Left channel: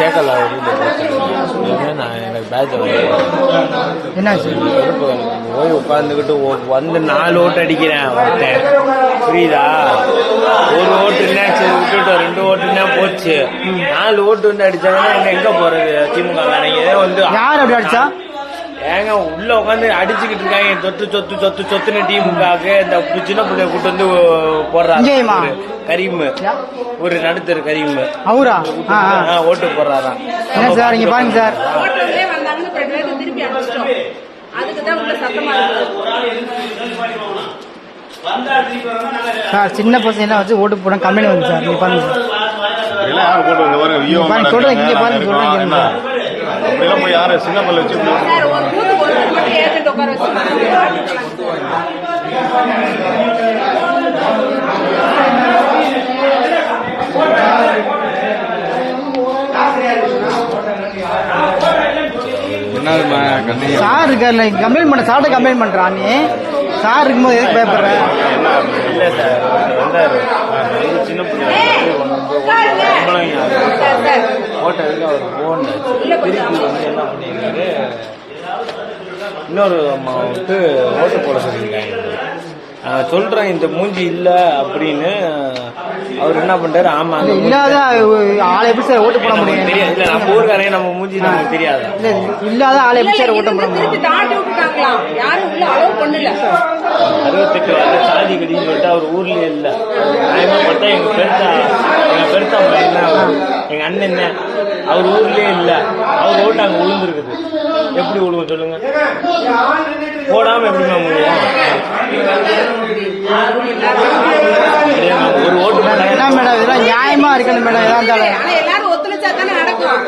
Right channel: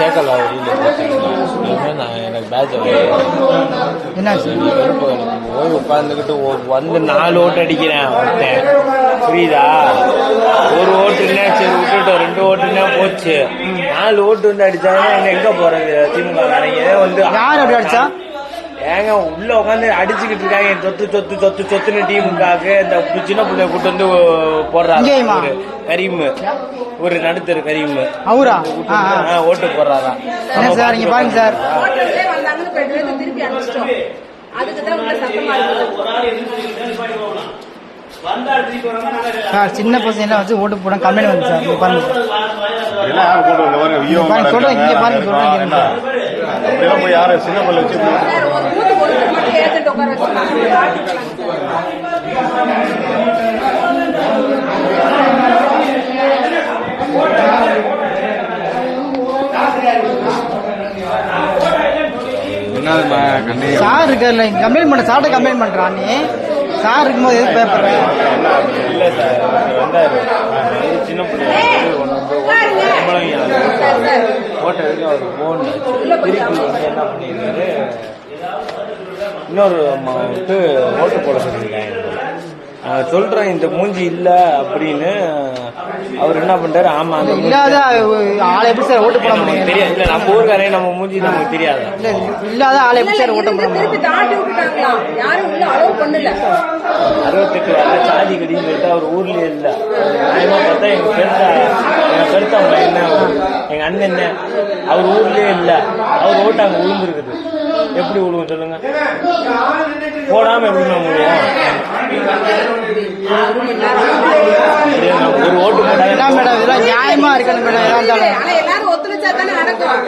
சேர்க்கல நான் எனக்கு பேட்ச் என்ன போய் உட்காந்துக்கிட்டு வந்து 4 ஓட்டு அடிக்கிறேன் ஒருத்தன், புரியுதா? ஒரு ஓட்டுனா சரி விட்டுட்டோம், 2 ஓட்டுனா போச்சு, 4 ஓட்டு வந்து அடிச்சாங்கன்னா எங்க போறது? திமுக வந்து யார் அப்படி அடிச்சா? ஏங்க உள்ள உட்காந்து அடிச்சுக்கிட்டு இருக்காங்க, சொத்து சொத்து சொத்து சொத்துன்னு திமுகவுக்கு இந்த சின்ன பிள்ளைய கூட்டு வந்து போடுறாங்க. கரீம், ஒரு நடுத்தர் கரீம் அவரா ஓட்டு போடுறாராம். சார் இங்க பாருங்க சார், சார் சின்ன பசங்க வச்சு ஓட்டு போட கம்மியான வந்து சார். இங்க பாருங்க சொல்றேன், இங்க பாருங்க போய் யாரு சின்ன பிள்ளை வச்சு சார் இருக்க கம்ப்ளைண்ட் பண்ண சார்ட்ட கம்ப்ளைண்ட் பண்றான். நீ சார் இருக்கும்போது எதுக்கு பயப்படுற? இல்ல சார் வந்தாரு சின்ன பிள்ளை ஓட்டதுக்கு அவர் போன் திருப்பி வந்து என்ன பண்ணிருக்காரு, இன்னொரு அம்மா விட்டு ஓட்டு போட சொல்லிங்களா சொல்றேன், இந்த மூஞ்சி இல்ல அப்படின்னு அவர் என்ன பண்றாரு. ஆமா இல்லாத ஆளை எப்படி சார் ஓட்டு போட முடியும்? இல்ல நம்ம ஊருக்காரே நம்ம மூஞ்சி நமக்கு தெரியாது. இல்லாத ஆளை எப்படி சார் ஓட்டு போட முடியும்? 68 வருஷம் சாதி கடின்னு சொல்லிட்டு அவர் ஊர்லயே இல்ல. நியாயமா பார்த்தா எங்க பெருத்தா என்ன எங்க அண்ணன் என்ன அவர் ஊர்லயே இல்ல, அவர் ஓட்டு அங்க விழுந்துருக்குது. எப்படி விழுங்க சொல்லுங்க? போடாம எப்படிமா முடியும்? ஒரு ஓட்டு நியாயமா இருக்கணும் மேடம். எல்லாரும் ஒத்துழைச்சா தானே நடக்கும்.